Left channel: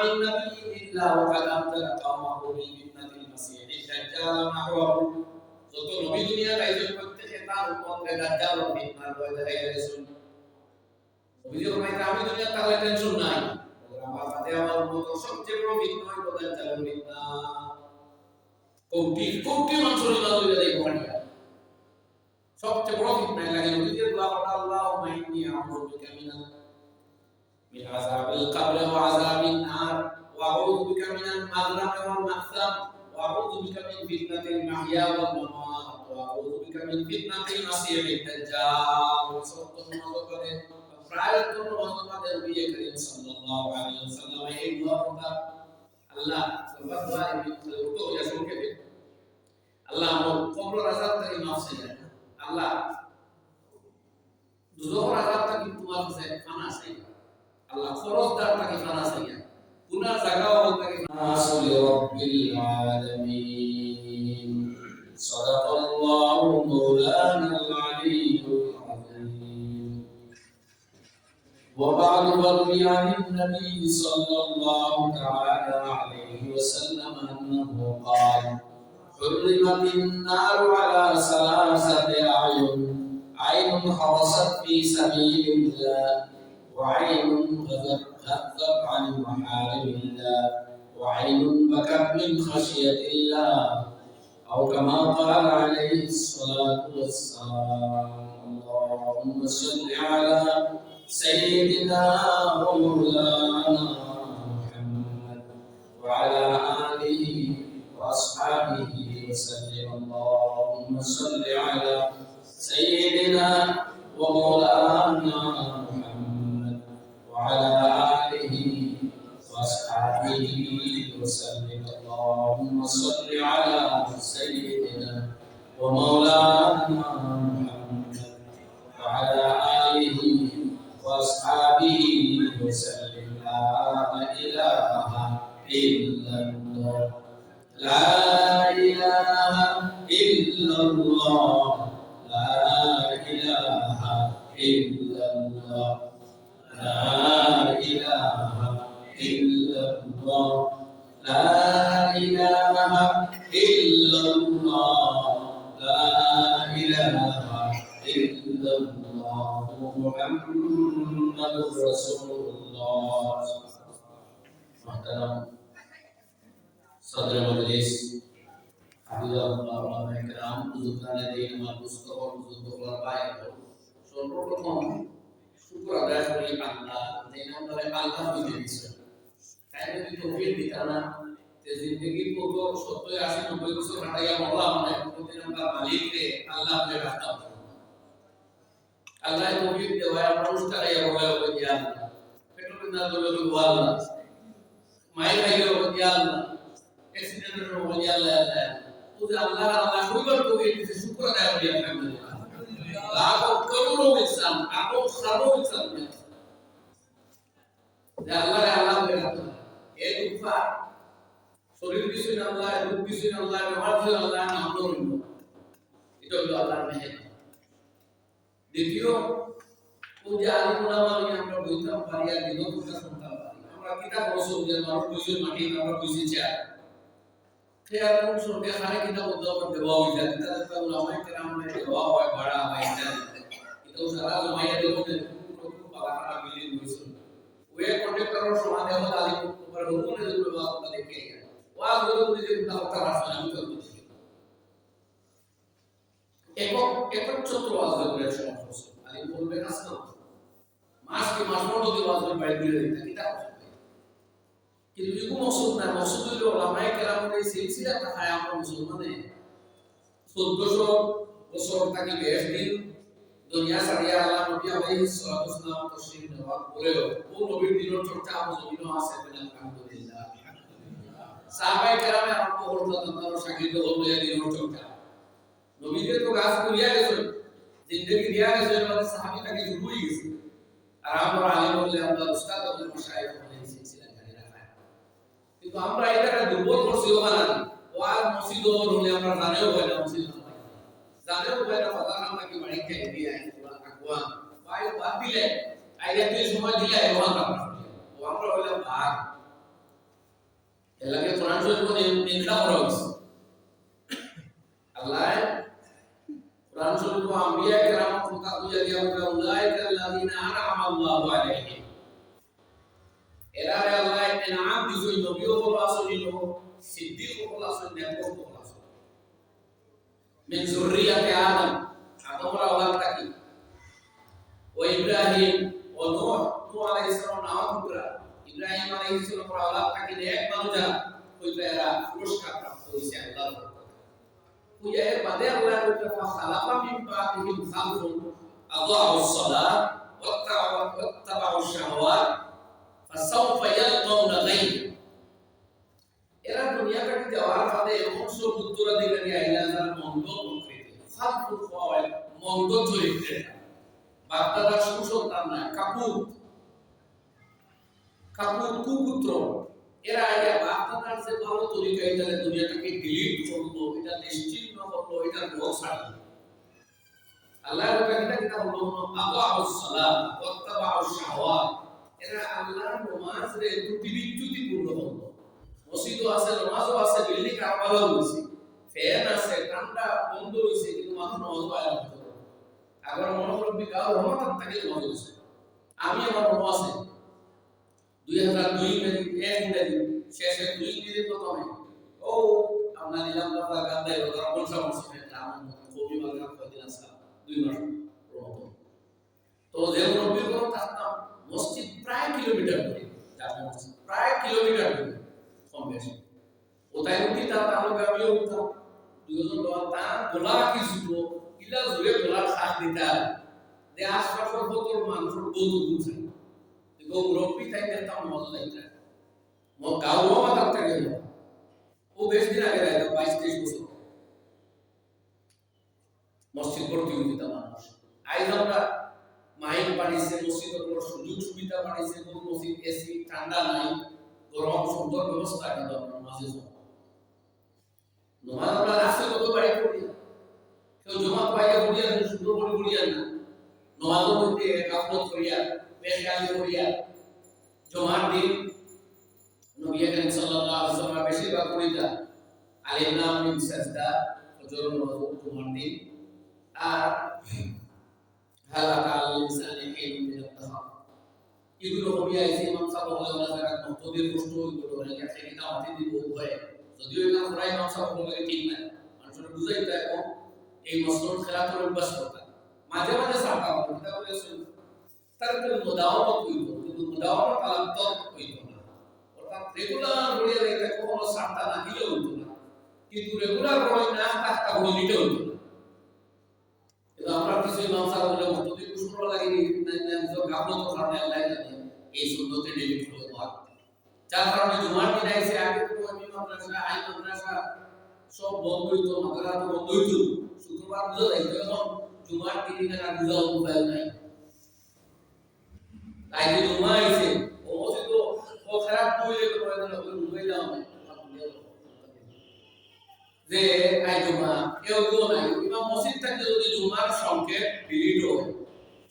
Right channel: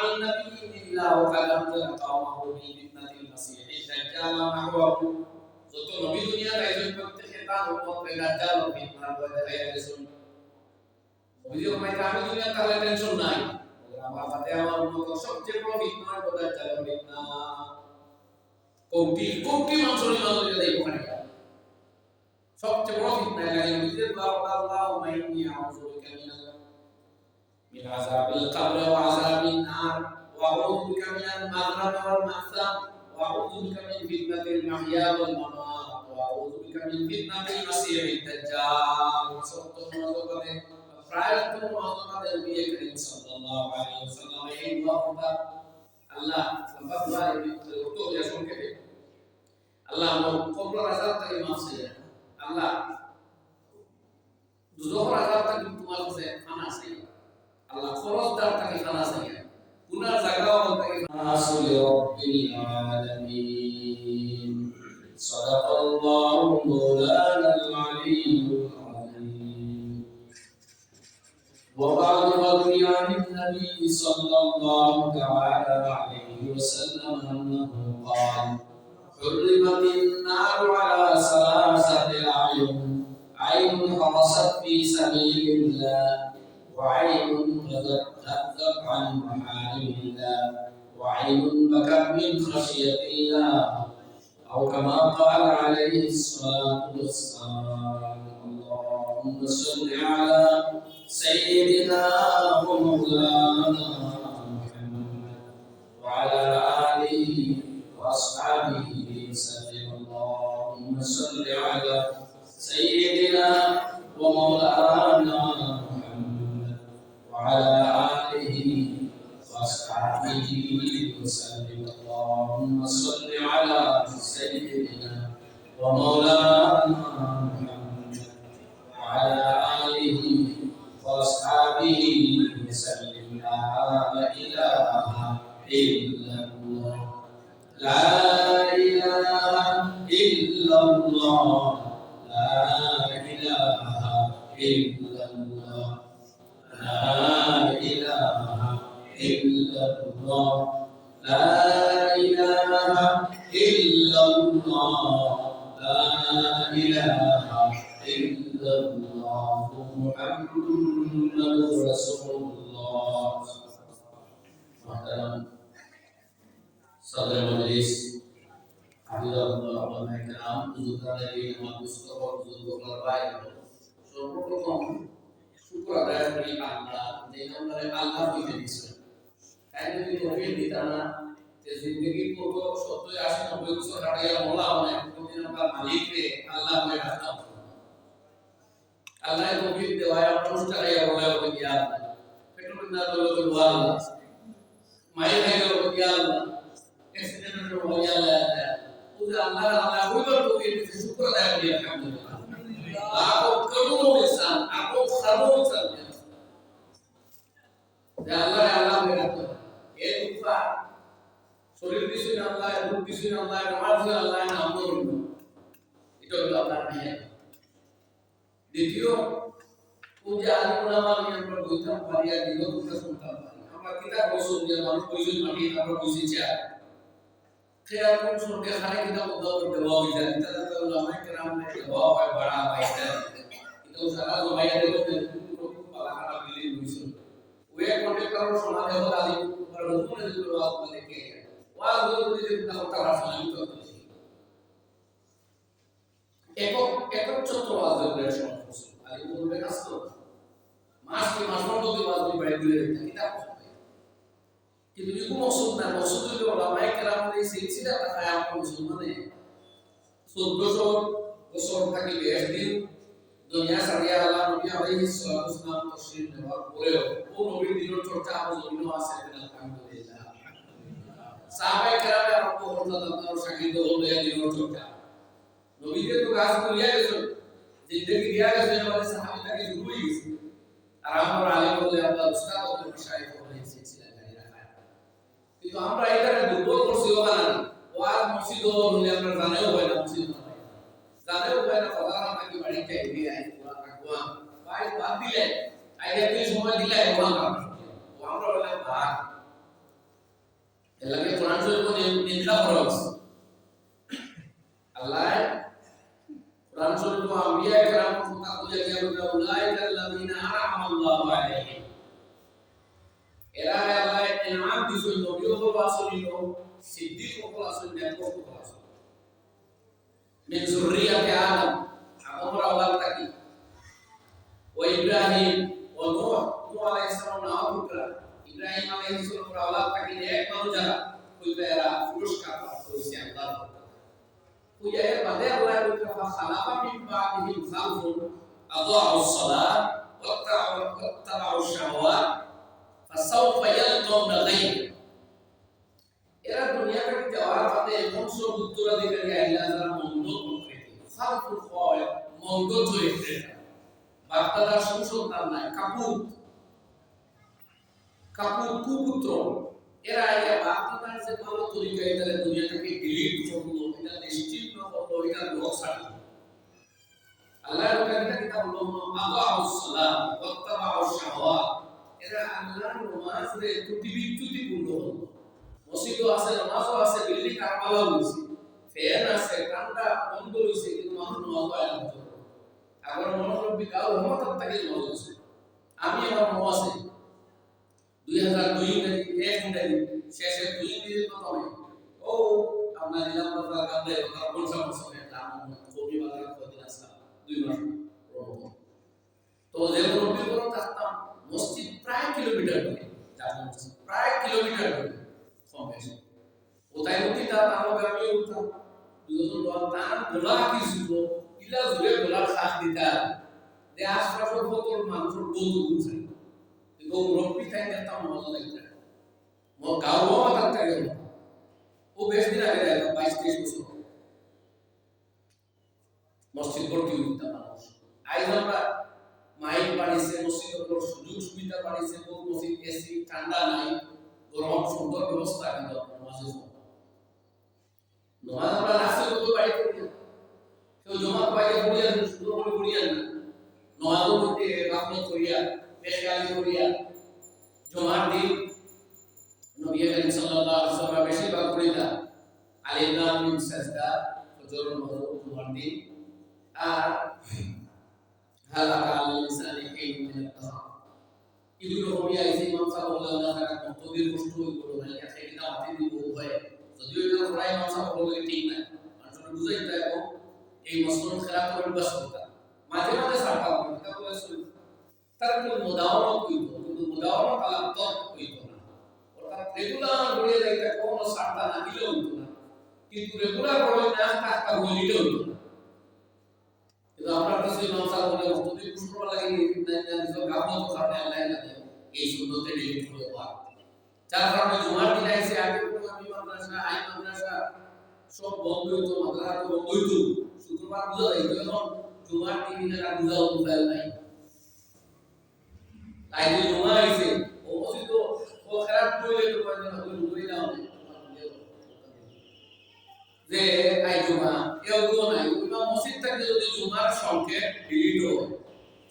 মিন নাবিয়্যিন ইল্লা ওয়া কাদ আনজারা কাওমাহু বিল ফিতনাতিল মাসীহিদ দাজ্জাল ওয়া নাহওয়াহু। যত নবী দুনিয়াতে আইছেন প্রত্যেকে তার উম্মতকে দাজ্জাল ও ফিতনার ভয় দেখাইয়া গেছেন। নবীজি ফরমাইতে আমি দুনিয়াতে থাকলে টেনশন নাই, আমার বাদে আমার উম্মত সবচেয়ে বড় ফিতনা হলো দাজ্জালের ফিতনা। কোটি কোটি মানুষের ইমান লইয়া যাইব খানিয়া, সবচেয়ে বড় ফিতনা লাগে। নবীজি দোয়া করলেন আল্লাহুম্মা ইন্নী আউযু বিকা মিন আযাবিল কবর ওয়া আযাবিন নার ওয়া আউযু বিকা মিনাল মাগরাম ওয়াল মাহসাম ওয়া আউযু বিকা মিন ফিতনাতিল মাহইয়া ওয়াল মামাত ওয়া আউযু বিকা মিন ফিতনাতিল মাসীহিদ দাজ্জাল। সত্যমতভাবে প্রায় তো নবী নবী করিম সাল্লাল্লাহু আলাইহি ওয়াসাল্লাম এই দোয়া করতেন। আল্লাহ সবার দোয়া এই তো যা শুনকে দে আল্লাহ আমার কবর আযাব থেকে মাফ চাই, আল্লাহ দুজখের আযাব থেকে তোমার কাছে ফানা চাই, আল্লাহ খরচদার থেকে ফানা চাই, গুনার জায়গাও থেকে ফানা চাই। রাব্বিল আলামিন সাদাকাল্লাহু মাওলানাল আলিয়্যুল আযীম। ওয়া বা'দু রাবি আনিন নবী সাল্লাল্লাহু তাআলা আলাইহি ওয়াসাল্লাম আন্নাহু ক্বাল حرمت النار على ثلاثة أعين عين حرست في سبيل الله وعين غضت عن محارم الله وعين بكت من خشية الله أو كما قال عليه الصلاة والسلام. اللهم صل على سيدنا ومولانا محمد وعلى آله وأصحابه وسلم. اللهم صل على سيدنا ومولانا محمد وعلى آله وأصحابه وسلم. اللهم صل على سيدنا ومولانا محمد وعلى آله وأصحابه وسلم. لا إله إلا الله، لا إله إلا الله، لا إله إلا الله، لا إله إلا الله، لا إله إلا الله، لا إله إلا الله محمد رسول الله. محترم صدر مجلس হাফিজাহুল্লাহ ওলামা ইকরাম, বুজুর্গানে দিন আমার মুস্তফা বুজুর্গরা বাইরে সর্বপ্রথম শুকর আদায় করি আল্লাহ যে নামে আল্লাহ দিতে দিয়েছে। তাই যদি তৌফিক দিতা না তে জিন্দেগি কত 70 80 90 বছর কাটাইয়া মরলা মানে কোনদিন আমরা মালিককে আল্লাহ বলে রাখতাম। আল্লাহ তৌফিক দেওয়ায় আমরা উস্তাকাইয়া বলায় বলি ইয়া আল্লাহ, পেট্রোল না দলে বলি আল্লাহ, মায়ের খাইও বলি আল্লাহ, অ্যাক্সিডেন্টের বলি আল্লাহ। আল্লাহ আল্লাহ কইবার তৌফিক দিতে শুকর আদায় করি আলহামদুলিল্লাহ। লাখো করোড়ো ইনসান আরো সারো ইনসান যে আল্লাহ আল্লাহ বলে রাখতে এই দুফা শরীর দিছেন আল্লাহ, রূপ দিছেন আল্লাহ, ব্যবহার দিছেন আল্লাহ, নাম ধরুন, এটা হলো আল্লাহর মেহের। দ্বিতীয় পূজা আলিম ওলামা নিয়ে আমরা বইতাম পারি আর দিনও কথা শুনতাম পারি। আমরা কিতাব রসুল যে মানুষ বইছেন মাটি আমরা বইছি চেয়ার খেয়াল কোন সঙ্গে খানে কিতাব উদ্ধার করতে পাওয়া যায় কিতাব তো ওলামা কেরাম নে দেওয়া হয় বাড়া হয় ইত্যাদি। কিন্তু সারা জমাইয়া দেবো যে পালাখানা বিল্ডিং বইছেন ওয়ে কন্ট্রাক্টরের সমাজে হল আলিম আর হুকুমে যেগুলো আপনারা দেখে ওয়াজ বলে যে কথা কথা ভাষা আমি তো দেখি একচ্ছত্র ওয়াজ বলে সমাজ করছে আলিম বলবে আসতো মাসকে মাস মধ্যে ওয়াজ বলে বাইরে দিলে দিতা কিতাব কিন্তু ইকু মকসুদ না, মকসুদ হইল ওলামায়ে কেরামের এই সিলসিলাটা খায় আমরা মুসলমানে 1400 বছর থেকে 20 দিন দুনিয়া ছাড়িয়া আল্লাহ নবী আলাইহিস সালাতু ওয়াস সালাম তশরীফ নেওয়ার পরেও ও নবীর দিনের চর্চা আবু জমিনও আছে আলহামদুলিল্লাহ। সাহাবায়ে কেরামে আরম্ভ করতেন তার শাগির্দ হল ইয়া দিনের চর্চা। নবীকে তো গাছ করিয়া গেছে, জিন্দেগি দিয়া গেছে, মানে সাহাবী তাকে শুরু হয়ে গেছে। আর আমরা আলেম বললে আমরা উস্তাদ বললে মাশায়েখ বলে সিলসিলা জারি রাখা। কিন্তু আমরা এটাকে দুর্বল করছি ওখানে ওয়াজ মসজিদ হলে আমরা জানেও হয় না, মসজিদ না হয় না, জানেও হয় না, সাধারণ নাকি বাড়ি খাই দিয়ে আই আগুয়া ভাই বাদ দিলে আইয়া তুই সময় দিলে ওখান ও আমরা বললাম ভাগ এর লাগে কোরআন শরীফ নিন্দা করা হয়েছে। আল্লাহ কোরআন শরীফ আম্বিয়া কেরামত কথা বুঝা গিয়া বলে উলাইকাল্লাযিনা আনআমা আল্লাহু আলাইহিম, এরা আল্লাহ ইনাম দিছেন, নবীও হল আসলিল, সিদ্দিক হল আসল, নেকও হল আসল। মিন যুররিয়াতি আদম, আদমের আওলাদ থাকি, ও ইব্রাহিম ও নূহ, নূহ আলাইহিস সালাম নাম পুত্র ইব্রাহিম আলাইহিস সালামের আওলাদ থাকি এক মানুষ যারা কইরা এরা পুরস্কার প্রাপ্ত হইছে আল্লাহর পক্ষ থেকে। কইয়া এর বাদে আল্লাহ কইরা ফাখালাফা মিন বাদিহিম খালফুন আযাউস সালাত ওয়াত্তাবাউ শাহওয়াত ফাসাউফা ইয়ালকাউনা গায়্য। এরা দুনিয়া থেকে যাওয়ার বাদে এমন সব উত্তরাধিকারী আইলা যারা মন্দ প্রকৃতি, খালফুল হয় মন্দ চরিত্রের, বাগদাদার সুসন্তান নাই, কাপুর কুপুত্র, এরা আইয়া বাগদাদার যে ভালো তরিকা এটারে দুনিয়া থেকে ডিলিট করলো, এটা নিশ্চিহ্ন করলো, এটা লোক ছাড়লো। আল্লাহর কথা কিতা বললো, আযাউস সালাত ওয়াত্তাবাউ শাহওয়াত, এরা আল্লাহর নামাজ রে ত্রুটি পূর্ণ হলো। মসজিদও আছে, নামাজও আছে, বিল্ডিং আরো ভালো হইছে, ফ্যান আছে, ঠান্ডা বন্ধ হইছে, কিন্তু মানুষ নামাজ আয়া হতো। আবার মনোরব্বী গাও রহমত থেকে নামাজ হইছে। আমি আমার মনে আছে 2002 ইংরেজি শেষে 2 ইংরেজি প্রথমে ও আমরা নিলাম বাজার গান্ধাই বাজার বলছা মসজিদে নাম কবি বাজার কয়দিন আসলাম 2 মাস রহমত। তো যে মুরব্বির ঘর থাকতাম মসজিদ প্রায় কিলোমিটার দূরে, জামা মসজিদ প্রায় কিলোমিটার দূরে কম বেশি। কোথায় উঠি তাহলে আমিও উঠতাম, দুজন লোক তার গোলা কি ছিল ইলা জুড়ে গোলার খাস দিতা যে আশপাশের কতর মানুষের বন্ধু বুঝাই এবং রব্বি তাই দেখতাম মজা লাগছে। গাঁও মাথার থেকে ও বেশ দিন আগে দেয় 22-23 বছর মসজিদ ভর্তি হইতা মানুষ। আইজ আমরা মাইক বানিয়েছে, মসজিদগুলোর সুযোগ সুবিধা বানিয়েছে, বহু মসজিদ এসি, ঠান্ডা নাই, গরম, সুন্দর ব্যবস্থা, কিন্তু নামাজে নামাজ আমরা রাস্তায় কত বাড়ি করি, কেউ জমা পাইয়া করিয়া সুন্দর করে করিয়া না, নামাজের মধ্যে গাফলত করিয়া বেশগালি করিয়া জমার দিন নবী করিম সাল্লাল্লাহু আলাইহি ওয়াসাল্লাম বেশিরভাগ করিতা আলিফ লাম মিম সাজদা ফজর নামাজ জমার দিন আর হালাকা আল ইনসানি হিলুম মিন আত-তাহার এগুলো হবিয়া এই ইমাম সাহেব বলে ওনা ফেরা মতবির কষ্ট হইলো রাইয়া থেকে দাওয়াতি দিব হয়, যদিও এটা খরাই ইমাম সাহেব বলে ঠিক নাই, মানুষের বুঝাইতা এবং এই মসনদ খেলাফের অভ্যাস করতা মাঝে মাঝে সারতা এটা বলে তারকুল মুদাওয়ামা কইতো, কিন্তু মুদাওয়ামা তালাম তর্ক কইতো না, অর্থাৎ রেগুলার বড়িয়া যাইতা কোনো সারতা না দিলে হইতো না, কিন্তু রেগুলার বড়ই না থাকতা হইলে নিতে হইতো না। কিন্তু আমরা কিছু ইমাম সাহেব বলে মতবির কষ্ট লাগে নিজের গাফলত কারণে আল্লাহ জানে এই সুন্নতে ডিলিট হয়ে যাওয়া, যার কারণে জুমার দিন আইছে আগে তো আমি মাদ্রাসা আই মাদ্রাসা সব বন্ধ হইতো, মাদ্রাসা তো বন্ধ হইতো, শুক্রবার বুঝা যাইতো, এখন জুমার দিন আর বুঝাও উপায় নাই। তাই যে জমা আইছে ও মসজিদ ও খারাপ কইলে তো কয়জন হলো বুঝাই দাও না যে আই জমা এও গো নাই, ইমাম মসজিদ থেকে যদি জুমার সংকেত ডিলিট হয়,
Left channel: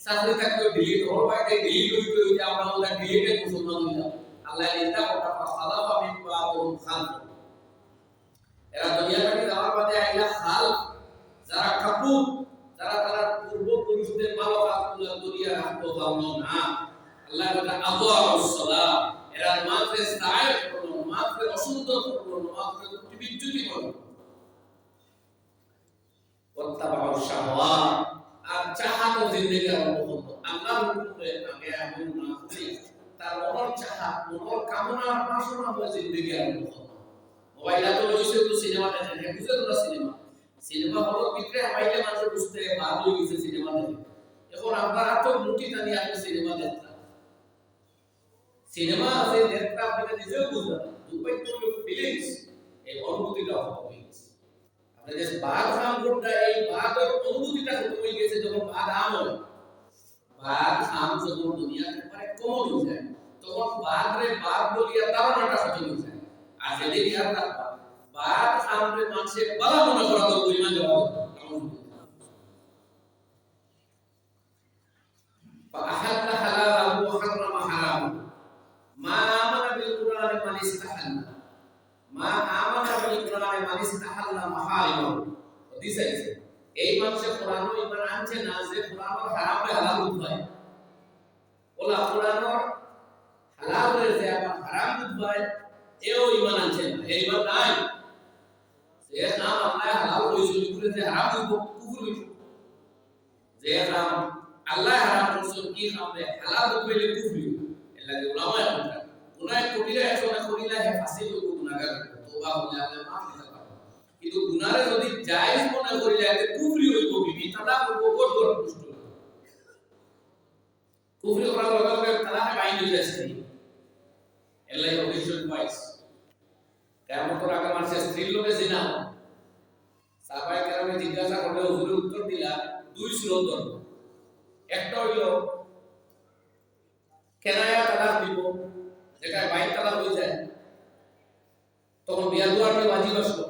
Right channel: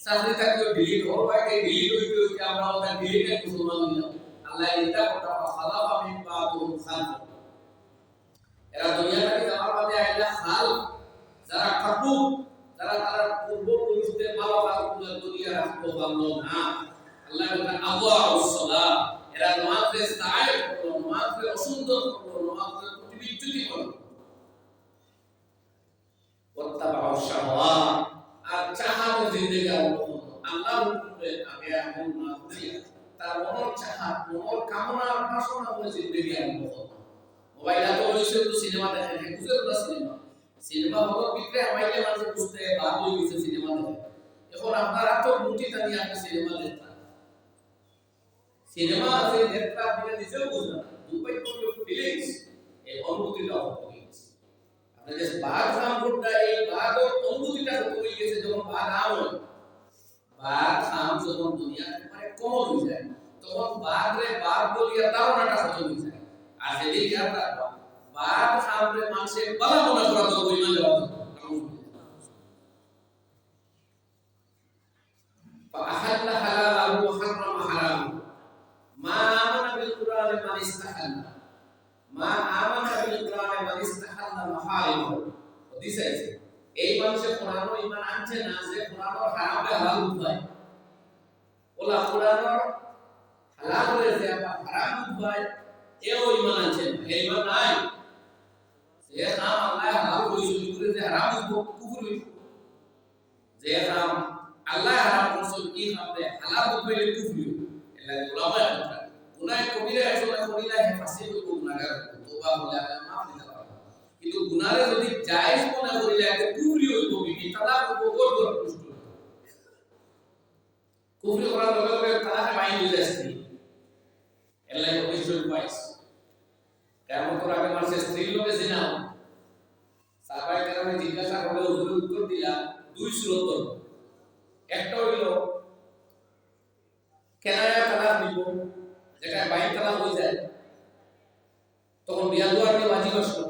চাকরি থেকে ডিলিট হল ভাই ডিলিট হইতে হইতে আমরা ওটা ডিলিটে মুসলমান হইলাম। আল্লাহ ইন্দা কথা ফাসালাফা মিন বাদুম খালফ, এরা দুনিয়া থেকে যাওয়ার বাদে আইলা খাল যারা কাপুর, যারা তারা পূর্বপুরুষদের ভালো কাজগুলো দুনিয়া রাখতে পারলো না। আল্লাহ বলে আযাউস সালাত, এরা নামাজে সায় করলো, নামাজে অসুন্দর করলো, নামাজে বিচ্যুতি করলো, ওয়াত্তাবাউ শাহওয়াত আর চাহাতে জিন্দেগি আরম্ভ করলো। আল্লাহর হুকুমে আগে আমল না করে তার মনের চাহত, মনের কামনার বাসনা হয়ে জিন্দেগি আরম্ভ করলো। মোবাইলে তো লইছে তো সিনেমা দেখে, বুঝে তোলা সিনেমা হলের ভিতরে আমাইলে মানুষ বুঝতে বাদ হয়ে গেছে সিনেমা দেখে। এখন আপনার এত মুটি টানি আপনি সিনেমা দেখতেন, সিনেমা আছে দেখতে আপনি নিজেও বুঝলেন না, দুপাই করলে ফিলিংস এই অনুভূতিটা হয়ে গেছে। আপনি যে বাদ খাম করতে এই বাদর অনুভূতিটা হয়ে গেছে যখন বাদ আম হয়, বাদ খাম যখন দুনিয়া একেবারে কমন হয়ে যায় তখন বাদ রে বাদ বলিয়া ধারণাটা খতম হয়ে যায়। আর যেদিন ইয়াদ রাখবা বাদ খামরে মানুষে বালা মনে করা তো ইমান দেওয়া فأحل حلاله وحرم حرامه ما آمن بالقرآن من استحل মা আমানা বিল কোরআনে মান ইস্তাহাল্লা মাহারিমাহু দিস আছে এই মানুষে কোরআনও ঈমান আনছে না যে কোরআনর হারামে হালাল হয় ওলা কোরআনর হালালের যে আবার হারাম হয় এও ঈমান আনছে না এই ঈমান নাই যে নাম আল্লাহ হালাল কইছে করে যে হারাম হইব কুফর হইব যে নাম আল্লাহ হারাম করছে কি খাবে হালাল হইলে কুফর হইব এর লাগি উলামা কথা গুনাহ কবিরা একসময় করিলা হে ফাঁসি হইব গুনাহগার তওবা হলে আল্লাহ মাফ দিতে পারবে কিন্তু গুনারে যদি জায়েজ মনে করিলা এতে কুফরি হইব বিবি তালাক হইব গোট গোট পুষ্ট কুফরি করার লগে লগে তালাকে বাইন হয়ে যাচ্ছে এর লাগি অবশ্যই পাইস কিয়ামতের আগে মানুষের স্ত্রীর লোকে জিনা সাহাবায়ে কেরামে জিজ্ঞাসা করলে হুজুর উত্তর দিলা দুই সুরত ধরব একটা হইল কেনায়া তালাক দিব যেটা বাইন তালাক হয়ে যায় তখন বিয়া দুয়ার নিয়ে ওয়াজিব আসলো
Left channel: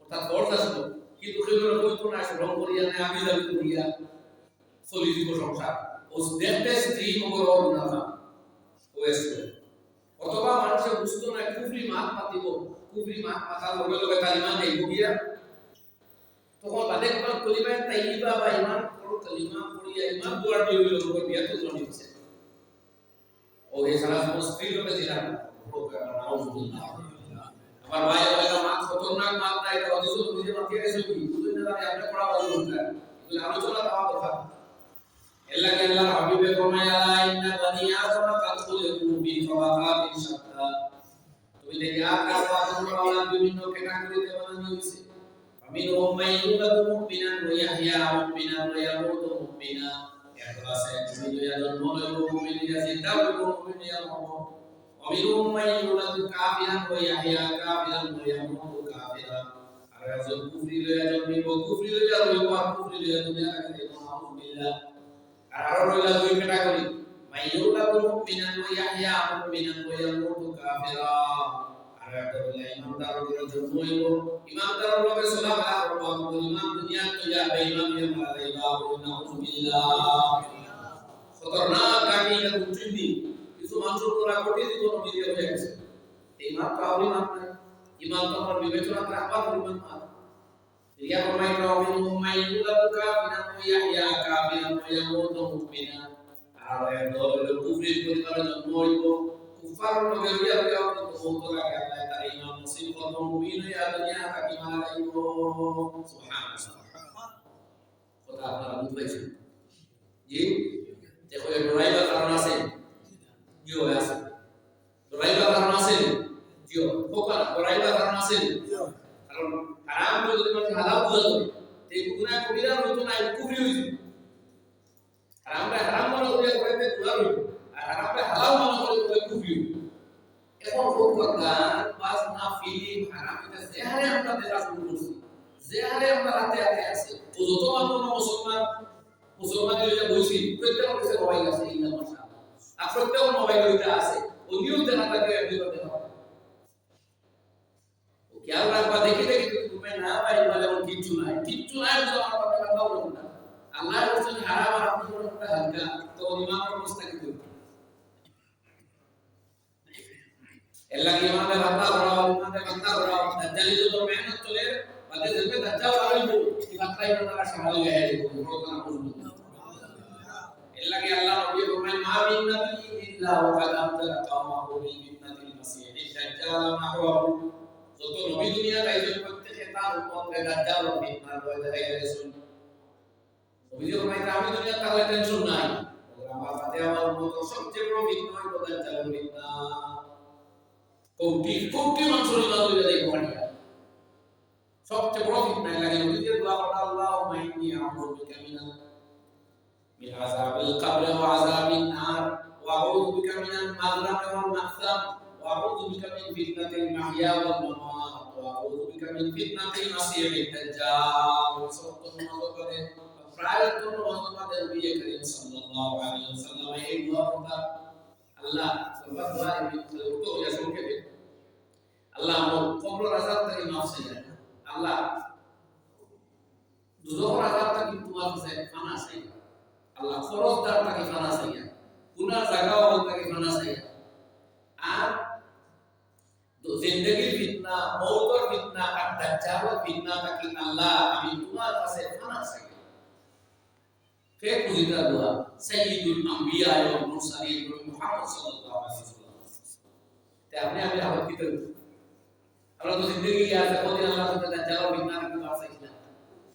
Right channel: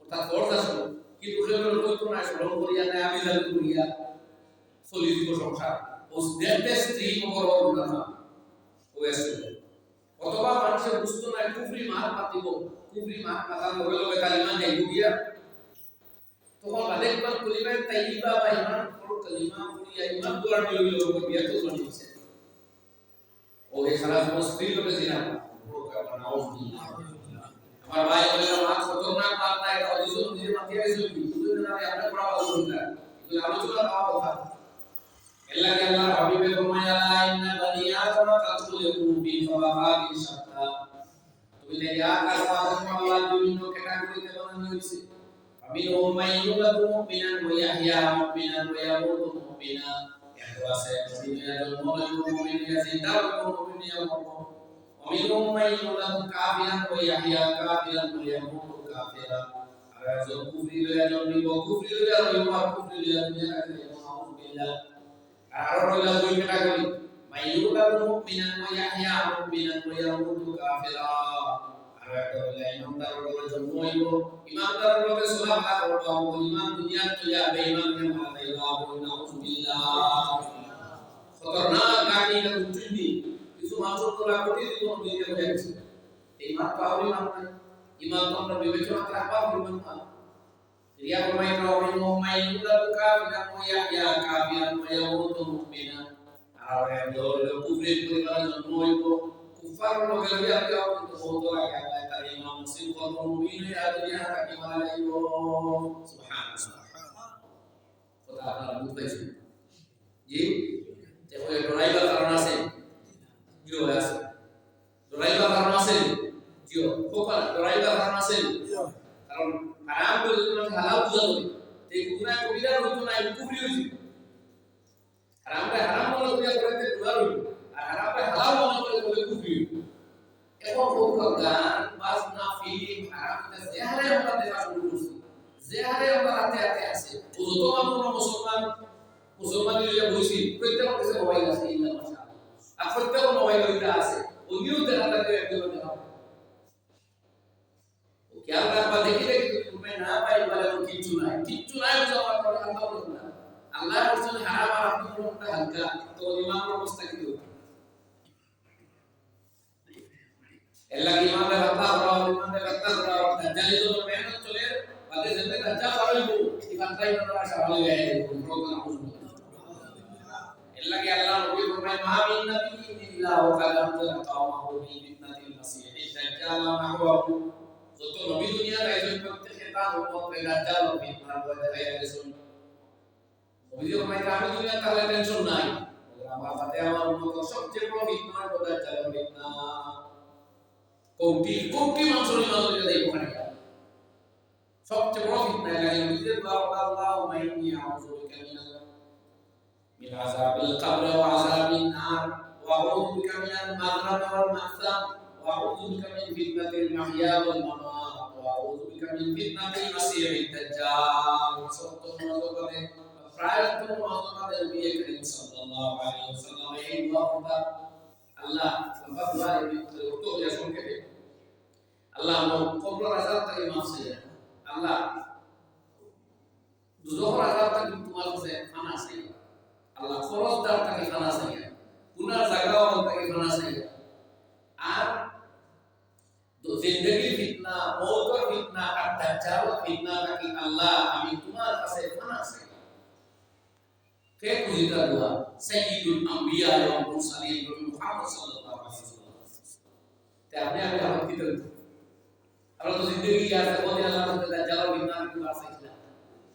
অর্থাৎ ফরজ আসলো কিন্তু কেবল কইতো না শ্রম করিয়া না আমি যাবি করিয়া চলি দিব সংসার ও দেখতে স্ত্রী মগর না হয়েছে অথবা মানুষে বুঝতো না কুফরি মাত মাতিব কুফরি মাত মাতার লগে লগে তার ইমান যাইব গিয়া তখন বাদেকবার কলিমায়ে তাইয়্যিবা বা ইমান পড়ো কলিমা পড়িয়া ইমান দুয়ার দিয়ে হইল ওপর বিয়া তো জনি হইছে ও এই সারা স্ত্রী লোকে জিনা নাউজুবিল্লাহ আমার ভাই বলেন মাত খতরনাক মাত না এটা হাদিস নিজে মাতিয়া গেছে কি বুঝুন না জানি আমরা পড়া বাজু না কিন্তু আলোচনা দেওয়া কথা এল্লাহি আল্লাহর হাবিবে ফরমায়া লা ইন্না বানি আদম কাদ খুলিকু ফি ফাওয়াকাতিন শাত্তা তুমি দেখি আকাশ পাতাল আওলাদ বিভিন্ন ক্যাটাগরিতে বানানো হইছে আমিনহুম মাইয়ুলাদু মুমিনান ওয়া ইয়াহইয়া মুমিনান ওয়া ইয়ামুতু মুমিনা ইখলাসে মুমিন ইয়া জন্ম লইব মুমিন ইয়া জিন্দা হইব মুমিন ইয়া মরব আমিনহুম মাইয়ুলাদু কাফিরান ওয়া ইয়াহইয়া কাফিরান ওয়া ইয়ামুতু কাফিরা আর একজন কুফরি লইয়া জন্মিব কুফরি লইয়া রইব আর কুফরি লইয়া দুনিয়া থেকে যাইব নাউযুবিল্লাহ আর আরো রইলা দুই ক্যাটাগরি মাইয়ুলাদু মুমিনান ওয়া ইয়াহইয়া মুমিনান ওয়া ইয়ামুতু কাফিরা আর একটা হইলা ইমানদারের ঘরে জন্ম হইব ইমানদারের লগে চলাফেরা করব আমল ইমান দুনিয়া তুইয়া বেঈমান হইয়া মারা যাইবা নাউযুবিল্লাহ খতরনাক গাটি এটা উচ্চিন্দি কিছু মানুষের তোলা কোটি জীবন মিলিয়ে হয়ে গেছে এই ইমান তো আউরি মান নাই ইমান তো আমরা বিবেচনা রাখবার পরিমাণ না রিয়া ফরমাই রাবিন মাইয়ুলাদু কাফিরান ওয়া ইয়াহইয়া কাফিরান ওয়া ইয়ামুতু মুমিনা আর হইল কুফরির পরিবারে জন্ম হইব কুফার লগে হইয়া যাও কিন্তু বহুত লাগে আল্লাহ তার ইমান নসিব করব মুমিন হইয়া দুনিয়া থাকি মারা যাইব সুবহানাল্লাহ কথা আপনারা বুঝ পাইছেন জি দেখো এই ডরাইবার কারণ আছে জিও আছে ডরাইবার কারণ আছে জিও ফোকা ডরাইবার কারণ আছে জিও কারণ হারাম করে যদি মানুষ হালাল বুঝা যাবে এই গুনাহ কবিরা হইতো না কুফরি হইছে হারামটা হারাম মনে করিয়া করেতে গুনাহ হইব আর হারামটা হালাল মনে করে বলে কুফরি হইব এখন ফোকা গান বাজনা ফিল্ম হারাম এটা যেহারে আমরা দেখা শুরু করছি যেহারে আমরা রাতে রাতে আছে তো যত মানুষ মুসলমান হইয়া বইছি প্রত্যেকের কাছে মোবাইল আছে ইল্লা মাশাআল্লাহ আর প্রত্যেকের মোবাইল হইতা আছে ও নিউজ দেখা লাগে একদম দেখা ও খেয়াল রাখবা দেখি দেখি তুমি না পাই বলে ওর কিচ্ছু নাই বুঝো আমার কথা বলো না আল্লাহ বলছেন হারাম আর আপনি বলো একটা হালকা তো ইমামের অবস্থা কি হবে এল্লা কি ইমামে বাতা করাও দাজ্জালি তো মেহনত চলে বাদে জন্মে দাজ্জাল পারইব কি বাতাই বাতারা সওয়াল হয়ে বড় না বুঝবো এল্লাহি আল্লাহ নবী ফরমায় মা মিন নাবিয়্যিন ইল্লা ওয়া কাদ আনজালা কাওমাহু বিল ফিতনাতিল মাসীহিদ দাজ্জাল নাহওয়াহু যত নবী দুনিয়া তাইজন প্রত্যেককে তার উম্মতকে দাজ্জাল ও ফিতনার ভয় দেখাইয়া গেছেন নবী ফরমায় আমি দুনিয়া তাহলে টেনশন নাই আমার বাদে আমার উম্মত সবচেয়ে বড় ফিতনা হলো দাজ্জালের ফিতনা কোটি মানুষের ইমান হইয়া যাইব খানিয়া সবচেয়ে বড় ফিতনা লাগে নবীর দোয়া করা আল্লাহুম্মা ইন্নী আউযু বিকা من عذاب القبر وعذاب النار وأعوذ بك من المغرم والمأثم وأعوذ بك من فتنة المحيا والممات وأعوذ بك من فتنة المسيح الدجال وصوت الموضوع فرايت الموضوع النبي الكريم صلى الله عليه وسلم এই দোয়াটা আল্লাহ সবার দোয়া তো ইয়া সংক্ষেপে আল্লাহ কবর আযাব থেকে মাফ চাই আল্লাহ দুজখের আযাব থেকে তোমার কাছে ফানা চাই আল্লাহ খরচদার তাকে ফানা চাইয়া গুনার জায়গাও তাকে ফানা চাইয়া আর জিন্দেগির মওতর ফিতনা আর দাজ্জালের ফিতনা তাকি আল্লাহ আমি তোমার কাছে ফানা চাই কে কুজিতা দোয়া সাইয়্যিদুল আম্বিয়া ওয়াল মুরসালিন নবী মুহাম্মদ সাল্লাল্লাহু আলাইহি ওয়াসাল্লাম তে আপনি আমি দাওয়াত কি করি আমরা তো জিন্দেগি আছে কোনদিন আল্লাহর সাথে দাজ্জালের ফিতনা নাকি আসিছিলাম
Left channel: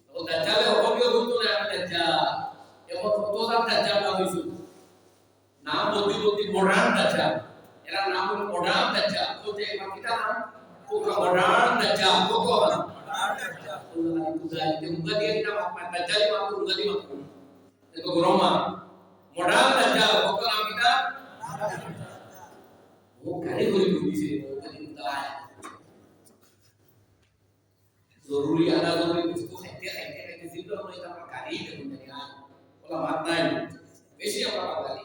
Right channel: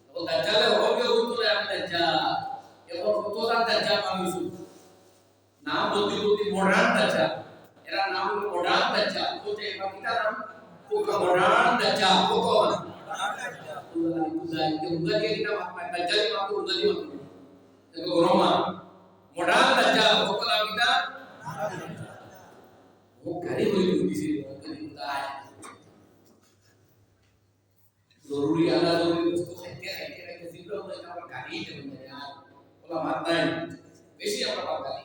তখন দাজ্জালে হবে হইতো না আমি দাজ্জাল এখন কতটা দাজ্জাল বানাইছো নাম বলতে বলতে মডার্ন দাজ্জাল এরা নাম হলো মডার্ন দাজ্জাল বলতে এবার কিটা নাম কোকা মডার্ন দাজ্জাল কত মডার্ন দাজ্জাল উল্লাহ কুদাই তে উল্লাহ দিয়ে কিটা মাপ দাজ্জাল মাপ উল্লাহ দিয়ে মাপ itu Roma modal dajjal kok naam kita वो घरे कोई भी से वो कहीं होता है जरूरी आना जरूरी उसको खाते जिब्रा होना इतना पर गाड़ी दे बंदे यार बोला बात नहीं वैसे अपना बात गाड़ी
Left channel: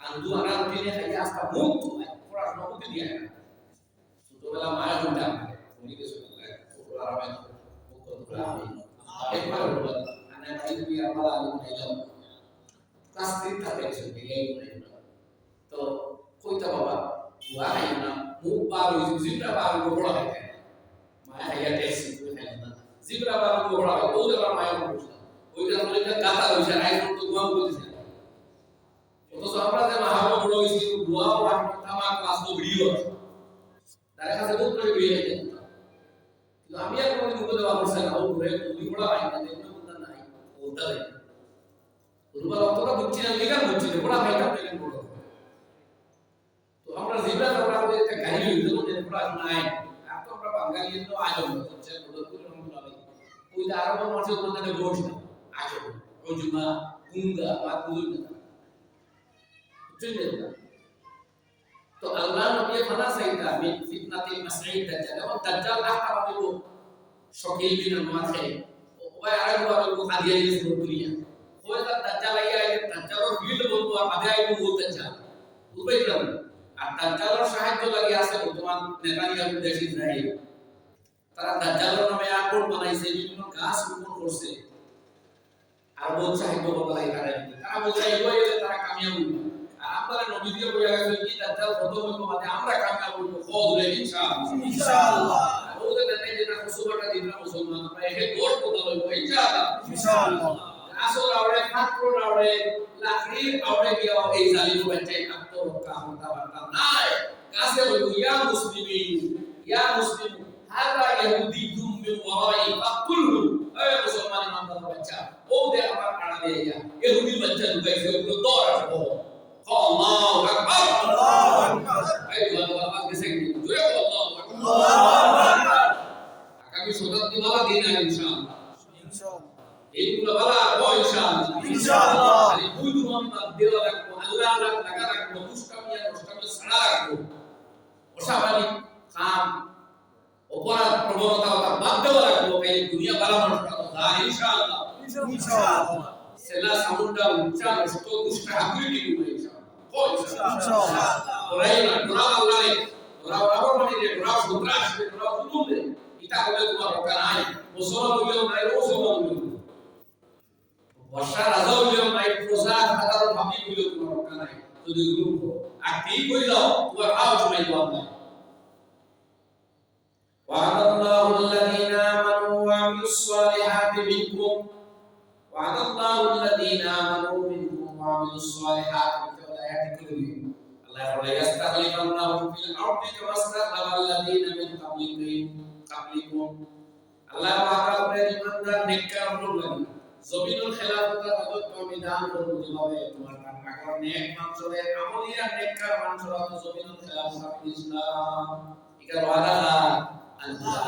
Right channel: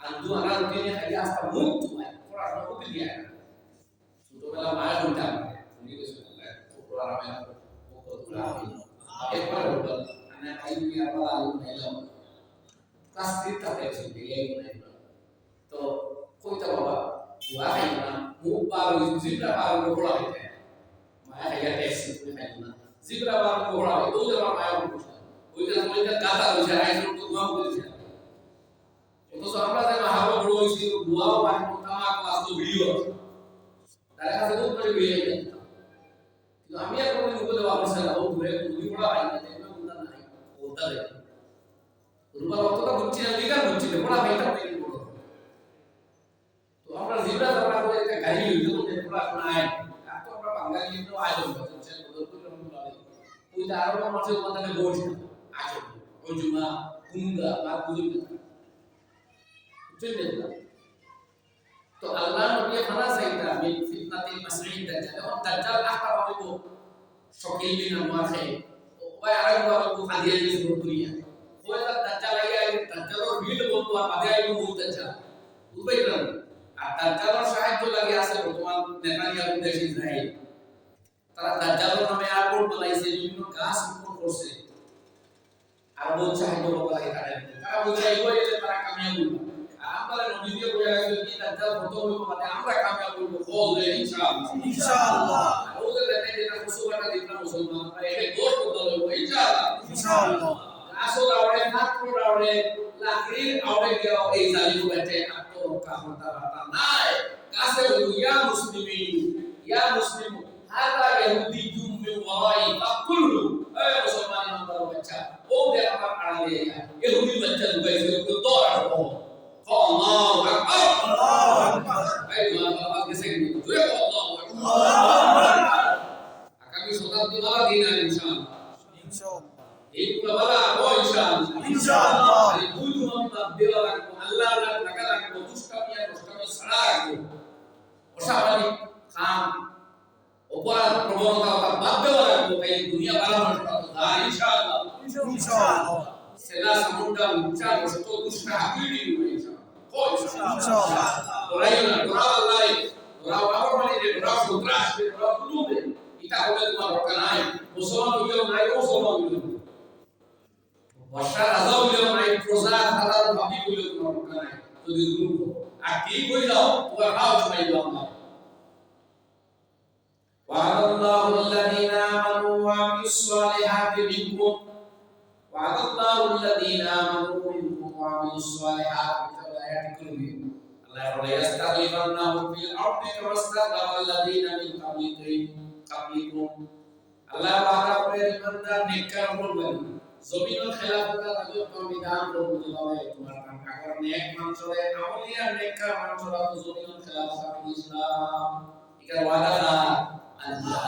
अंदू आना रोटी ने खाया आस्था मुक्त हुआ है थोड़ा सा मुक्त दिया है तो वाला माया घंटा उन्हीं के सुन है वो आराम है वो पूरा एक बार बोला ana kayu biar malah hello kelas kita tekstur dia itu to koi ta baba gua kayu na mu baru zibra baru bola kayu maya kayu tekstur itu kayu na zibra baru bola kayu oh jaba maya bola ওই যে আমরা এটা গাতা হইছে rise তো গুয়া বলছে তো তো আমরা যে মাহাবল বড় হইছি গুয়া বাট তামা ক্লাস তো ভিডিও তার কাছে বহুত করে ভিডিও যায় কিন্তু আমি আর কোন দিন উপদেশ করছি না ও ঘুরে দুই বড় আই না बोलता है रुमाल অতটা বুঝছি না লিগাল বুঝছি না বড় ভাইটা দেখেন বড় তো আমরা জিবরা আমরা করে একটা গাড়ি হইতো যে বড় নাই আর তো আমরা বাঙালি তো আজব হচ্ছে বদরপুর রহমাতুল্লাহ ওই যে আরবের মাঝে ওখানে বসে না আজব ওই জুমা কুঙ্গা বা কুদুর না বুঝছেন না তো আল্লাহ নবী ফানা সাইদা মিন ফিতনাতিল মাসঈদ দাজ্জাল এবং দাজ্জাল আখতা পাবো শকিল বিন আনওয়ার ওই আরেকবার ও খাদিয়া যে সুরতুলিয়া ওই তার দাজ্জাল আইয়া এই দাজ্জালের ভিড় বলতো আর আদে আইবো বলতে চা বুঝবাইরাম আর দাজ্জালের সাহায্য লাগি আছে বর্তমান নেতানিয়াহু দেশ ইসরায়েল তারা দাজ্জালের নামে এয়ারপোর্ট বানাইছে বিভিন্ন গাছ রোপণ করছে আর বহুত সাহায্য করতে লাগে তারা বলছে এইগুলো এলে তারা কামিয়াব হইবে আর আমরা নবী দিয়ে কইয়া গেছে কি দাজ্জাল খতম হইব মানে আমরা কামিয়াব হইব কওলে ইনশাআল্লাহ ইনশাআল্লাহ ওদের নেতাই যেটা খুশুবাটা দিনা মুসলমান আমরা একে দৌড় করতে হইব ইনশাআল্লাহ ইনশাআল্লাহ আসল আওড়ে ছাত্র আওড়ে লাকড়ির আওড়ে গিয়া এই জালিম বাচ্চা আত্মরক্ষা হতা বার্তা নাই কাছে বলু ইয়া মুসলিম হাদা ইহুদি জুম মিন ওয়ারাই ফাকুলহু এই মুসলমান নামদার বাচ্চা ও দে আমার আড়ালে ইহুদির বাচ্চা ঢুকাইছে ওগুলো দৌড় আসবো আল্লাহু আকবার আল্লাহু আকবার এই বাবা গেছে কি জোরে আল্লাহু আকবার আল্লাহু আকবার আগামী শতাব্দী वाला দিন আর ইনশাআল্লাহ এইগুলো বলা ও ইনশাআল্লাহ এই দুই নম্বর দেওয়া রাখবো আল্লাহ লাগা রাখবো দুষ্টামিয়া নষ্টামি ছাড়া রাখবো অসামাজিক কাম অপরাধ প্রবণতা ওটা বাদ দেওয়া রাখবো এই দুনিয়া ভালো মানুষ পাবো আর ইনশাআল্লাহ সেলা সামুন্ডা উচ্চা নষ্ট দুষ্ট হাকুই দিবে ইনশাআল্লাহ ও ইনশাআল্লাহ ওরাই না ওরা আল্লাহ ওরা বাবা মানে যে ওরা সন্ত্রাস ওরা জুলুম এটা বলে তোমার রক্ষা নাই মুসলমান হইলেও নাই মুসলমান হইলেও বর্ষা রাজা হইলেও নাই প্রজা সাধারণ ভাবি হইলেও তোমার রক্ষা নাই যদি জুলুম আর ঠিক হই যাও তোমার খাও চুমাই দাও না وعد الله الذين آمنوا وعملوا الصالحات منكم وعد الله الذين آمنوا منكم وعملوا الصالحات بالآيات كلهم الله يقول يستخلفنهم في الأرض كما استخلف الذين من قبلكم الله وعدا করে ইমানদার নেককার উপর লাগি জমিনের খেলাফতের রাজত্ব আমি দান করব যেভাবে তোমার আগর নেক মানুষরে আমলিয়া নেককার মানুষরা তো জমিনের খেলাফত আমি ইসলাম এটার ওয়াদা আল্লাহ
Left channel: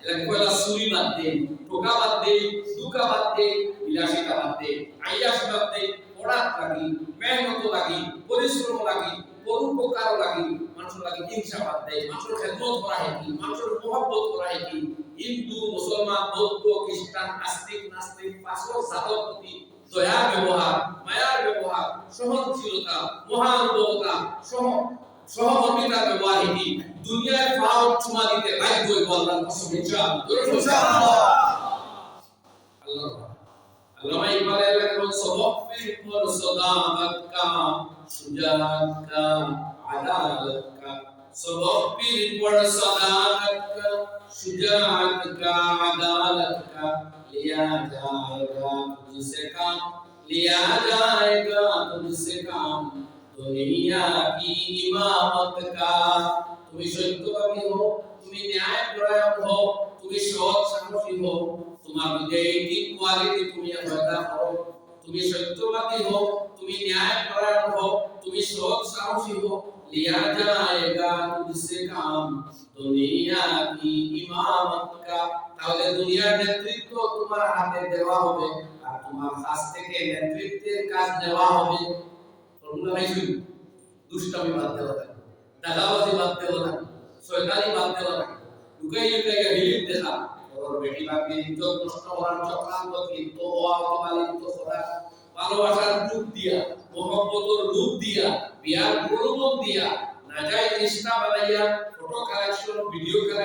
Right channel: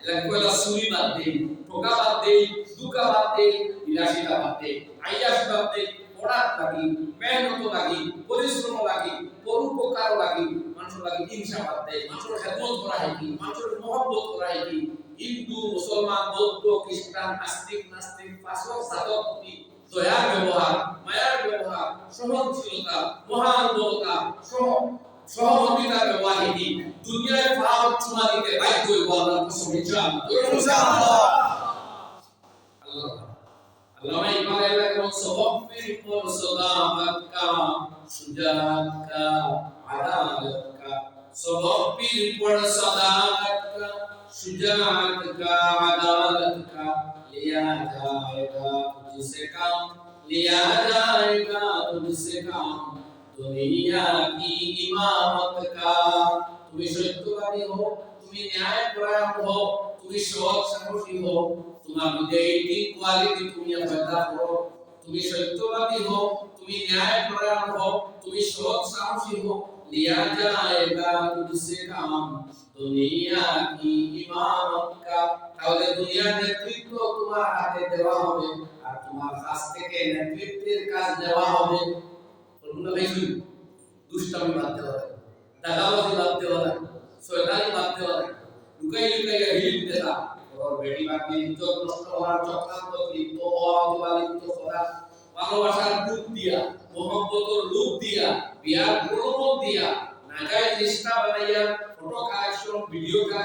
এলাকা কইলা সুরি বাদ দে ঠোকা বাদ দে দুকা বাদ দে বিলাসিতা বাদ দে আইয়াস বাদ দে পড়াত লাগি মেহনত লাগি পরিশ্রম লাগি পরোপকার লাগি মানুষের লাগি হিংসা বাদ দে মানুষের খেদমত করা হেকি মানুষের মহব্বত করা হেকি হিন্দু মুসলমান বৌদ্ধ খ্রিস্টান আস্তিক নাস্তিক পাঁচক জাতর প্রতি দয়ার ব্যবহার মায়ার ব্যবহার সহনশীলতা মহানুভবতা সহমর্মিতার ব্যবহার হেকি দুনিয়ায় পাও চুমা দিতে বাধ্য হইব আল্লাহর কসম ইনশাআল্লাহ আল্লাহ আল্লামা ইকবাল এলাকা বল সবক পর সদাকত কা সুজাত কা আদালত কা सबक पीर पढ़ सदाकत का शुजाअत का अदालत का लिया जाएगा तुझसे काम लिया जाएगा तुझसे काम दुनिया की इमामत का তুমি সত্যবাদী হও তুমি ন্যায় পরায়ণ হও তুমি সৎ সাহসী হও তোমার মধ্যে এই তিন কোয়ালিটি তুমি পয়দা করো তুমি সত্যবাদী হও তুমি ন্যায় পরায়ণ হও তুমি সৎ সাহসী হও लिया जाएगा तुझसे काम दुनिया की इमामत का তাহলে দুনিয়ার নেতৃত্ব তোমার হাতে দেওয়া হবে আর তোমার কাছ থেকে নেতৃত্বের কাজ দেওয়া হবে ফর্মুলা ভাই শুনুন দুষ্টামি বাদ দেওয়া লাগে দাগাবাজি বাদ দেওয়া লাগে শয়তানি বাদ দেওয়া লাগে লুকাই লুকাই হিলিপ দেখা ওর বেটি বাকি ইজ্জত নষ্ট হওয়ার চক্রান্ত লিপ্ত হওয়া অথবা লিপ্ত করা ভালোবাসার রূপ দিয়া মোহব্বতের রূপ দিয়া বিয়ার প্রলোভন দিয়া নাজায়েজ রিশতা বানাইয়া ফটো কালেকশন ভিডিও কালেকশন